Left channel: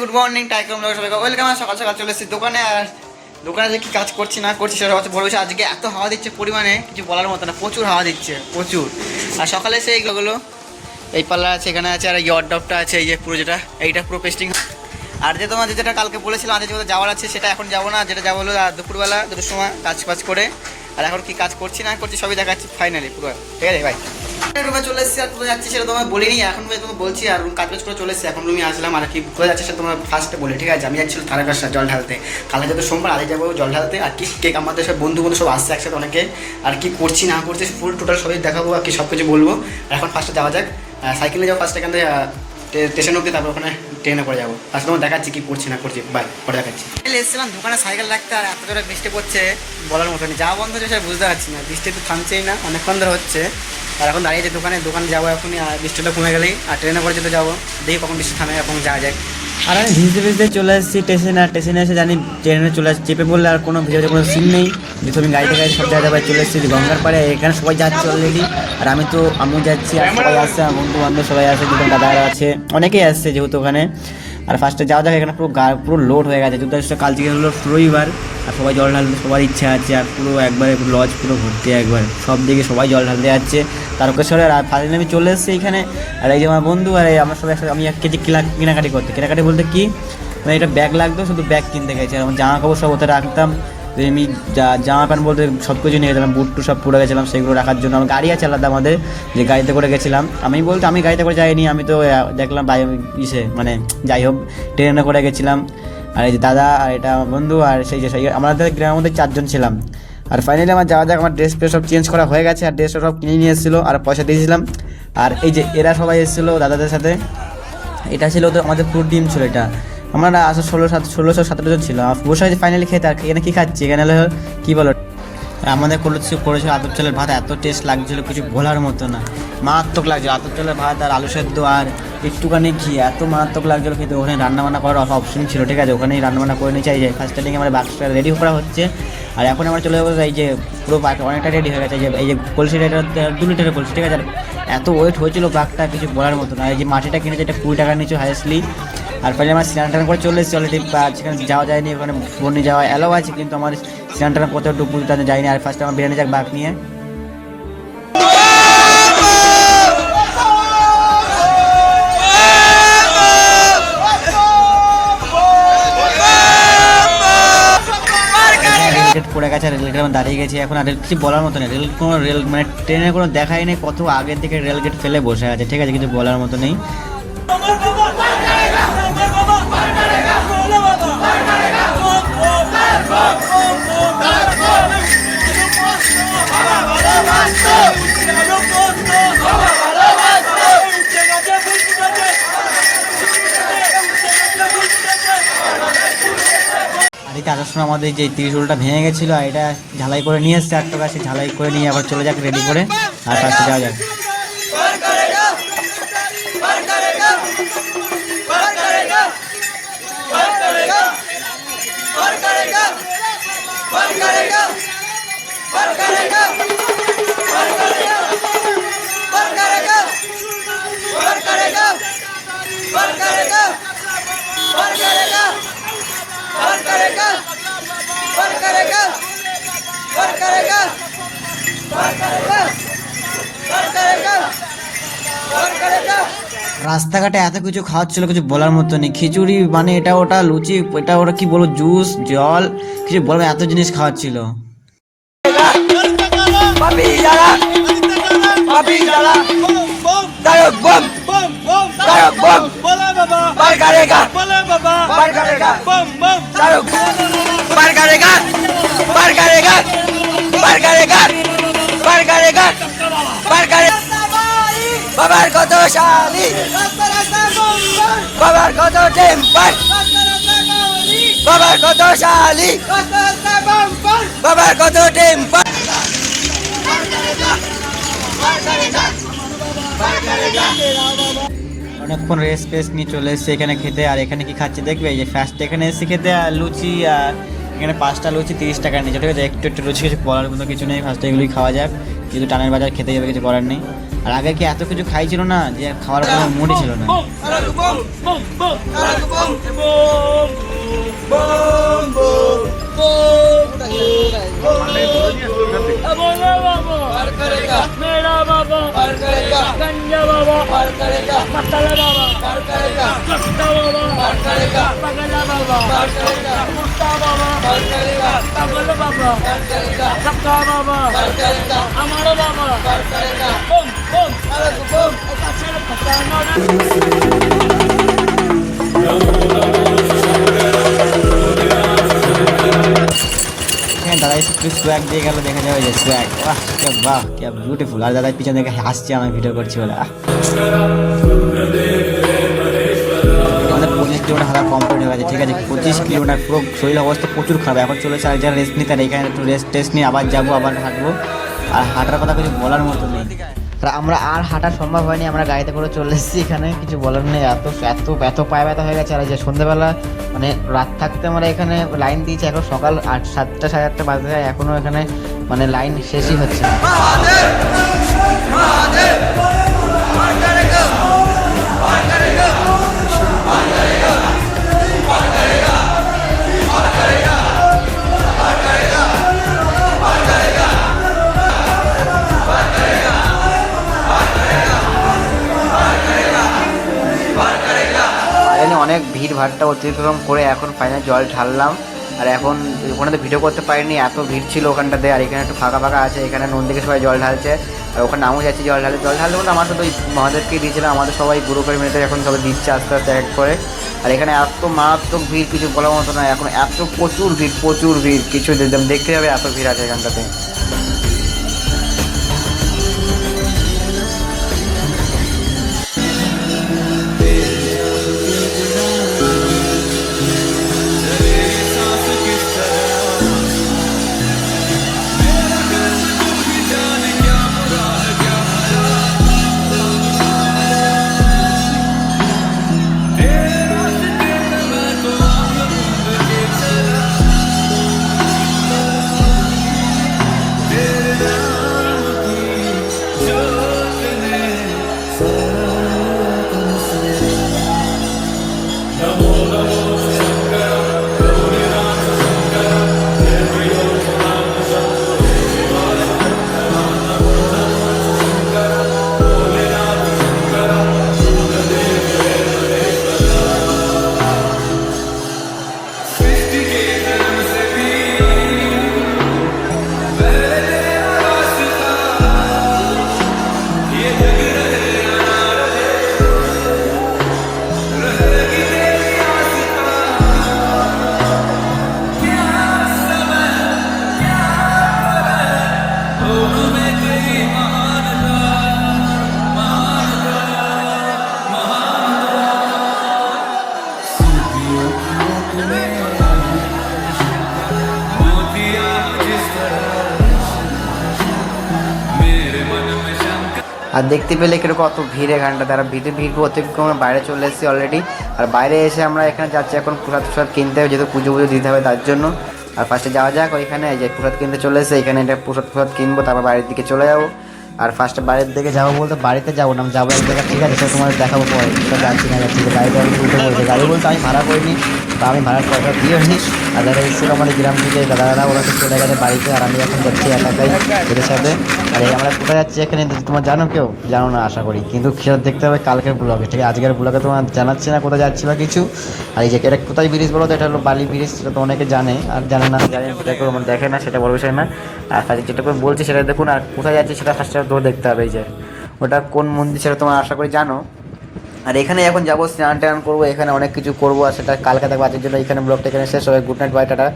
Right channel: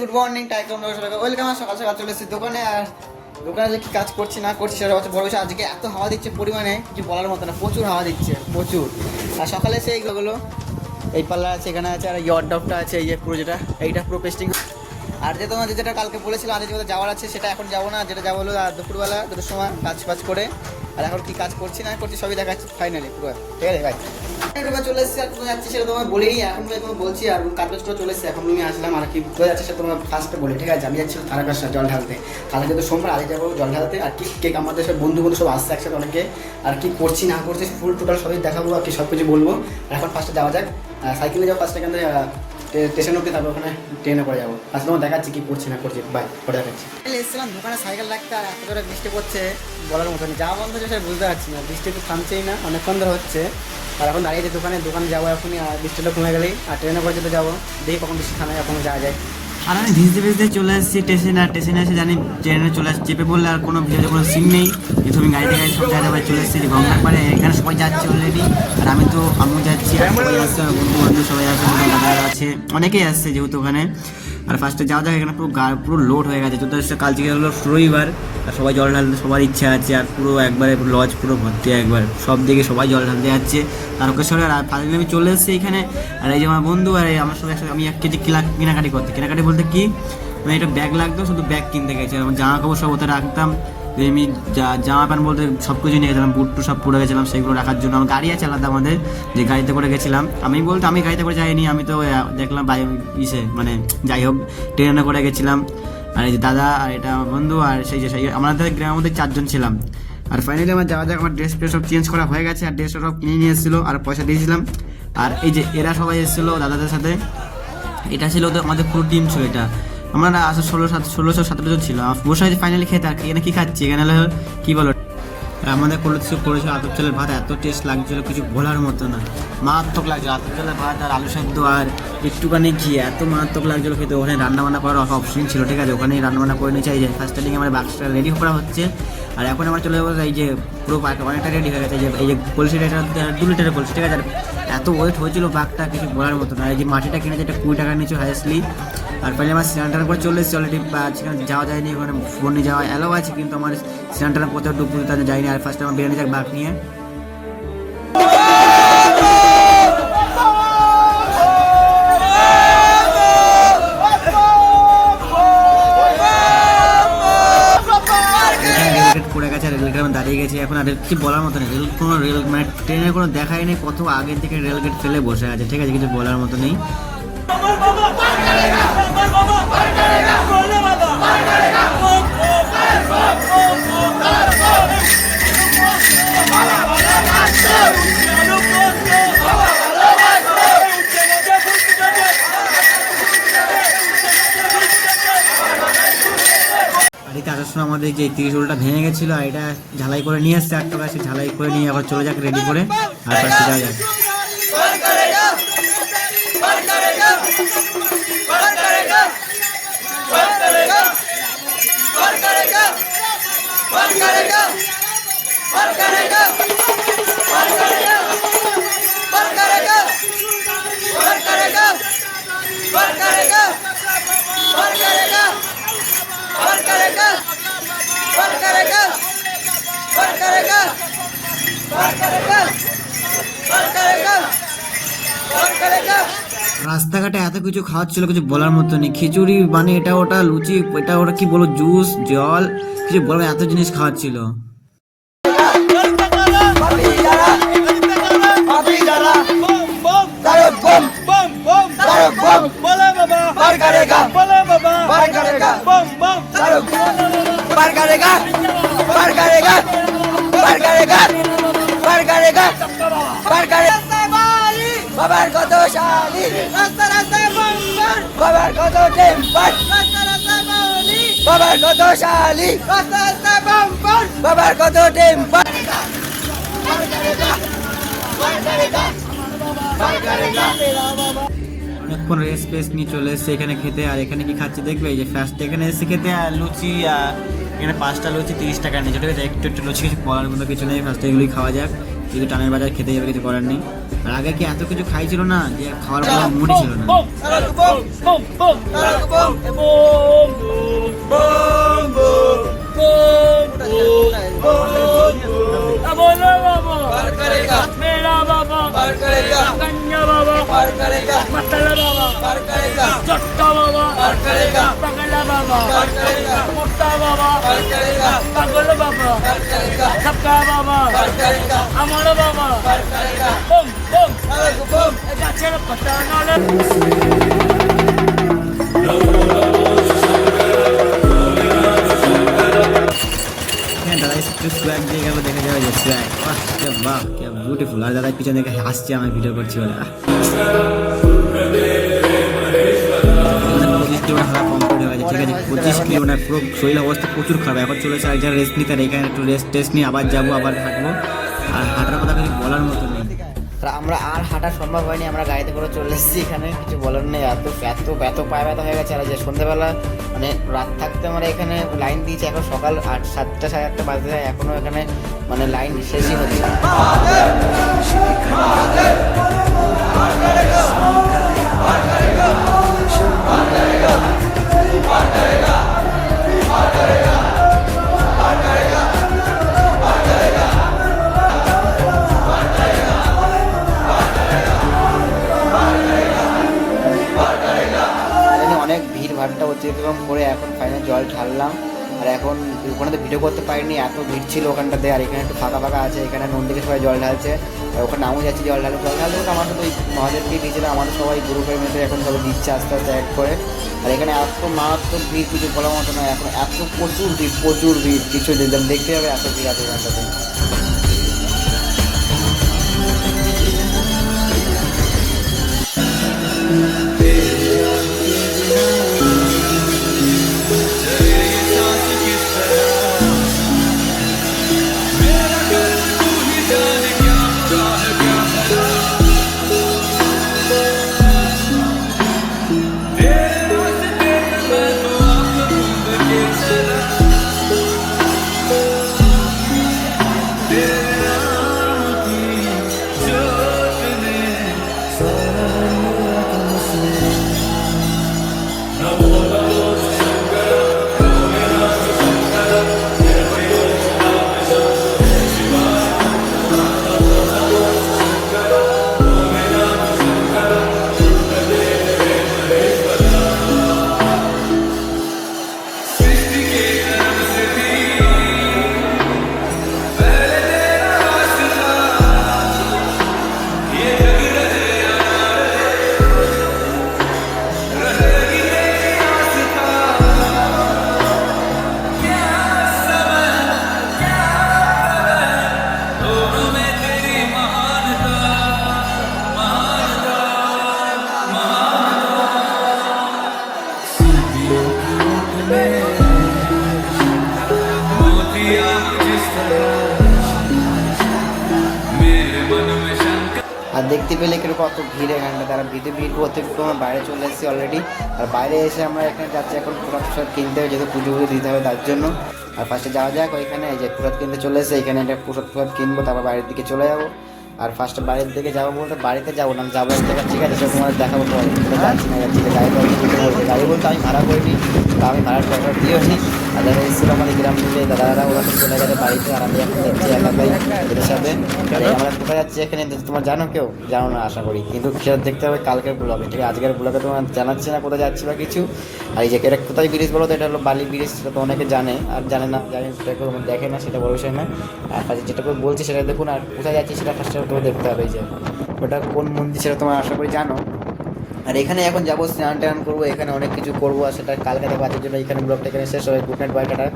Good morning টাইকম সবাইকে welcome. সকাল সকাল চলে এসেছি দোকানে। আর দোকানে যে কি কাজ করছি না করছি সেটা হচ্ছে বড় বিষয়। আজকে এত হাওয়া দিচ্ছে পরিমাণে কিছু বলার মতো না, প্রচুর হাওয়া দিচ্ছে প্রচুর। আর সকালে এসে এইগুলো এই পাল্লা আছে, এখানে আছে, আর এই অর্ডারটা আছে, এই যে পুরো যেটা এইটা পুরো পেস্টিং। আর যে তোমাদের যেটা কালকে বলেছিলাম আজ যেগুলো যাওয়ার আছে সেটা এখন যাবো না, যেটা যাবো হলো দুপুরবেলা দুটোর সময় কাজ ফাজ করে। আর এখন কি কাজ করছি না করছি সবই দেখাচ্ছি ফাইনালি পুরো, ঠিক আছে ভাই। রুমে চলে এসেছি, আর কোথায় যাচ্ছি সেটা তোমার বলিনি, এখন ভাই তোমার বলছি। আর কাজ বাজ করে চলে এসেছি, এখন রুমে আসলাম। আর কি কোথায় যাচ্ছে সেটা তোমার ফার্স্টে বলি, ঠিক আছে। আমি যাচ্ছিলাম তারকাশা জল ঢালতে, কালে যেহেতু সোমবার আগে যাবো জল ঢালতে। আর কি কেক আমাদের সব বন্ধু সব আসছে একসাথে অনেকে। আর কি করছি না করছি ফুল টোটাল সবই দেখাবো, আর কি সব কিছু বলবো। এখন ফার্স্টে যাওয়া যাক, সাইকেলে যাবো ফার্স্ট, এখান থেকে স্টেশন অব্দি, তারপর ওখানে ট্রেনে করে যাবো। আসলে তোমার দেখাচ্ছি কি করছি না করছি, বা পরে দেখাচ্ছি। এসেছিলাম দোকানে সাইকেল রাখতে, আর এত জোরে বৃষ্টি পড়ছে বলার মতো নেই। যাওয়া বন্ধ হচ্ছে বুঝতে পারছি না, বৃষ্টি তো থামছেই না, অনেকক্ষণ ধরে হচ্ছে। আর এখন দাঁড়িয়েছে দোকানে যাবো এখনই, আর বৃষ্টিটা কমে গেলেই। আর ট্রেনে করে যেতে যাবো, দেখি কখন বৃষ্টি থামে, এখন যাওয়া যায়। আর আমি ভিজতে ভিজতে চলে এসেছি স্টেশনে। আর স্টেশনে এসে জানি ট্রেনে চলে আসছি, চেপে বললে আর কোনো ভিডিওতে কোনো সিন নেই, যেহেতু আমি গাড়িতে সব জায়গায় চলে এসেছি গঙ্গার পাড়ে। এখানে সবাই যাচ্ছে অলরেডি, আর আমি যাচ্ছি, আর সবাই আসছে, আমার বন্ধু বান্ধব সবাই আসছে, দুটো দাদারা আছে, অনেকেই আসছে যেহেতু ওখানে। আর ফার্স্টে যাওয়া যাক, এখানে পুরো লোড হয়ে গেছে, যেহেতু কাল থেকে হলো রবিবার, আর সবাই জল ঢালতে সবার ইচ্ছা আছে। আর পুরো একবারে লজ পুরো ভর্তি, একবার সব দিকে সবাই জল ঢালতে যাচ্ছে তারকেশ্বরে। আর ফাইনালি আমি চলে এসেছি এখানে। আর এই যে আমার বন্ধু, আর আমার সবাই একসাথে আমি 1 কেজি কেনাকাটি বলতে কি, মানে এটা ব্যাগ লাগতো, শুধু ব্যাগ কিনতে গেছি। আর আমার জামা কাপড় সব ওতে রাখতাম, আমি জামা প্যান্ট বলতে সব কিছু নিয়ে গেছিলাম, বুট টু সব পরে গেছিলাম, সেগুলো রাখার জন্য। আমার গাড়ি আছে আলাদা আমাদের, যে গাড়িতে করে গেছিলাম। আমি গাড়িতে করে যাইনি, আমি তো দেখলাম মানে যাই হোক ট্রেনে করে গেছিলাম। আর এই যে দাদা, আর এটা আমার বন্ধু, আর সেই আমাদের গ্রামের মধ্যে 4 জন ছিলাম। আর ফাইনালি আমার যাওয়া যাক, আমার ড্রেস সব চেঞ্জ করা হয়ে গেছে, আর ড্রেস সব কিনে নিয়ে এসেছিলো, আর পয়সা দিয়েছিলাম। আর এই যে এরা সবাই এসেছিলো দাদাদের সাথে, এটা ছিল তো আমাদের পুরো টিম ছিল। এটা আমরা 1617 জন ছিল। বসে হয়েছে ফাইনালি খেতে। আর এখানে কী খাচ্ছি, এখানে হলো কী বলো, আমাদের করেছিল আতপ চালের ভাত, এত টেস্ট লাগছিলো কিছু বলার মতো না, মারাত্মক লাগছিলো। আতপ চালের ভাত আর আলু সেদ্ধ আর একটুখানি ঘি, এত মারাত্মক লাগছিলো খেতে। ওখানে রান্নাবান্না করার অপশন ছিল, ঠিক আছে, ওখানেই রান্নাবান্না করে নিয়ে চাই। যে ফার্স্ট টাইম আমার বাক্সটা রেডি করা হচ্ছে। আর এখন আমরা চলে যাবো, এই যে পুরো বাঘটা অনেকটা রেডি হয়ে গেছে। এই যে কলসিটা, এটা 2 লিটারের কলসি, ঠিক আছে। আর এত ওয়েট হয়েছিল বাঘটা কিছু বলার মতো না। এই যে মাটিটা কিনেছে, এটা 20 টাকা নিচে হাইয়েস্টলি। আর পরে আমার স্নান করে চলে এসেছি অলরেডি। সেখানে যাওয়া যায়নি, ওখানে বন্যে যাওয়া অ্যালাও আছে, কিন্তু আমার স্নান কত ডুবুরিটা যায়নি। আর ফার্স্টে আমার বেরিয়ে যাক বাঘ নিয়ে। রেলগেট পড়ে গেছে, রেলগেট আমি দাঁড়িয়ে গেছি এখন। আর কিছু বলার মতো নেই, রেল মানে ট্রেনের কোনো দেখাই নেই, কত আগের থেকে রেলগেট ফেলে বসে আছে, ঠিক আছে, কিছু বলার মতো নেই। আর এই আসার সময় আমাদের যে ত্রিশূলটা ভেঙে গেছিলো, আর এটা ঝালাই করে নিয়ে এসছে 8 টাকা, সে ঝালাই করে নিয়ে আবার চলে যাক রেডি করে, আর ফার্স্টে যাওয়া যাক। রাস্তাঘাটে এত কিছু খাওয়াচ্ছিল, কিছু বলার মতো নেই। খিচুড়ি মানে এটা ওটা, লুচি এটা ওটা, কি বলবো, জুস জল, কিছু বলবো, এত জিনিস খাওয়াচ্ছিল। বাবার কত শালি, বাবার কত টেম্পার, বাবার কত শালি, বাবার কত টেম্পার। অনেকক্ষণ রেস্ট ফেস নিয়ে চলে এসেছে এখানে খেতে। আর এখানে কি খাচ্ছি দেখবে, এই যে ফার্স্ট এখানে এসে খেতে আর লুচি, আর এখানে 5টা লুচি 30 টাকা নিচ্ছে, ঠিক আছে। একটু একটু লুচি কিছু বলার মতো কিছু নেই, ফার্স্টে এগুলোই খাওয়া যাক, যেহেতু টানের বাজার খেতে যাবে, কিছু করার নেই। আর আগে কি এত কিছু খাইছিল না যে খাওয়ার কোনো মুডই ছিল না। হ্যাঁ, দাদা এসে একটু সোয়াগ দিয়ে গেল, দেখা যাবে যে সোয়াগ, বাহ কে বিউটিফুল। আর দাদা পিছনে দেখে হাসছে আমার ভিডিও করছি বলে। 25 কিলোমিটার হাঁটা কমপ্লিট হয়ে গেছে, ঠিক আছে। 25 কিলোমিটার পুরো শরীর অবস্থা প্রচুর খারাপ। এখন চলেছে এক জায়গায় রেস্ট নিতে, আর এখানে একটু টেস্ট নিয়ে আবার যাবো, আবার হাঁটবো। আর হাঁটার কথা কিছু বলার মতো নেই। আমরা আর হাঁটা সম্ভব হয়নি, আমরা গাড়িতে করে চলে এসেছি এখানে, কিছু বলার নেই। এত পায়ে ব্যথা হয়ে গেছে। আর যে সন্ধ্যেবেলা মানে রাত থাকতে আমরা এখানে লাইন দিয়েছি, এখন সকাল 7টা সাড়ে 8টা বাজে যায়, এখনও এখানে মানে লাইন শেষই হচ্ছে। অনেক ভিড় ভাড়টা অতিক্রম করে এখন ফাইনাল জল ঢাললাম। আর এখন ওখানে তো ভিডিও করতে পারিনি, এত ভিড় ছিল ওখানটাতে। আর এখানে একটু ফাঁকা ফাঁকা আছে, এখানে নন্দীকে সবাই জল ঢালছে, আর ওখানে নামও যাচ্ছে জল ঢালতে বলতে আমাদের তো আমাদেরকে দিয়েছিলাম, আমাদের সবাই গ্রুপের মেয়েতে এখন সবাই দিচ্ছে আস্তে আস্তে এক করে। আর এখানে এত মারাত্মক ভিড়, কিছু বলার মতো নয়। এখন এত প্রচুর ভিড়, কিছু দেখতে হবে, এত ভিড় আছে এখানটাতে। আর দেখতে পেলে কিরকম কত ভিড় এখানটা, তারা ভিড় অতিক্রম বাইরে চলে এসেছি অলরেডি। আর বাইরে এসে আমরা এখানে যাচ্ছি এখন প্রসাদ কিনতে হবে, যেহেতু পুজো দিতে হবে তার জন্য। আর ফার্স্টে যাওয়া যাক ওইখানে, যে প্রসাদ কিনতে চলে এসে এখানে এটা প্রসাদ কিনবো, তারপর বাড়ির দিকে চলে যাবো। আর ফার্স্টে বাড়ির দিকে যাবো বলতে বাড়িতে যাবো না, যাবো ঠিক আছে, তোমার দেখাবো। গাড়ি বলতে আমি ভাড়া করিনি, তো আমি ভাড়া টাকা দিয়েছি। আর এটা এসে আমাদের গ্রাম থেকে দাদারা ওরা চলে গেছে বাড়িতে, আর আমি এখন যাচ্ছি এদের সাথে। আর আমরা কোথায় যাচ্ছি এখানে তোমার জানো, কেউ জানো না আশা করি, কিন্তু ফেরত দেখতে হবে কালকের ব্লগে, ঠিক আছে। আজকের ব্লগে তোমার জানাচ্ছি না কোথায় যাচ্ছি বা কিছু। আর এই যে এটা কোথায় ব্রিজ বলো তো, এটা হলো বালি ব্রিজ, সেটা তো অনেকে জানে, আর জানে না দেখে না, সেটা বড় বিষয় না। আর ফার্স্টে যেটা করে বলছি সেটা দেখুন, আর কোথায় যাচ্ছি সেটা ফার্স্টে তো দেখতে হবে। এই যে ওটা কোন মন্দির সেটা তোমার আশা করি জানো। আর এখানে এখন যাবো, স্নান টান করবো, এখানে অনেক কিছু করবো, আর সেটা কালকে দেখবো। জন্য এখানে ব্লগটা এখানে শেষ হবে। Good night, bye, tata.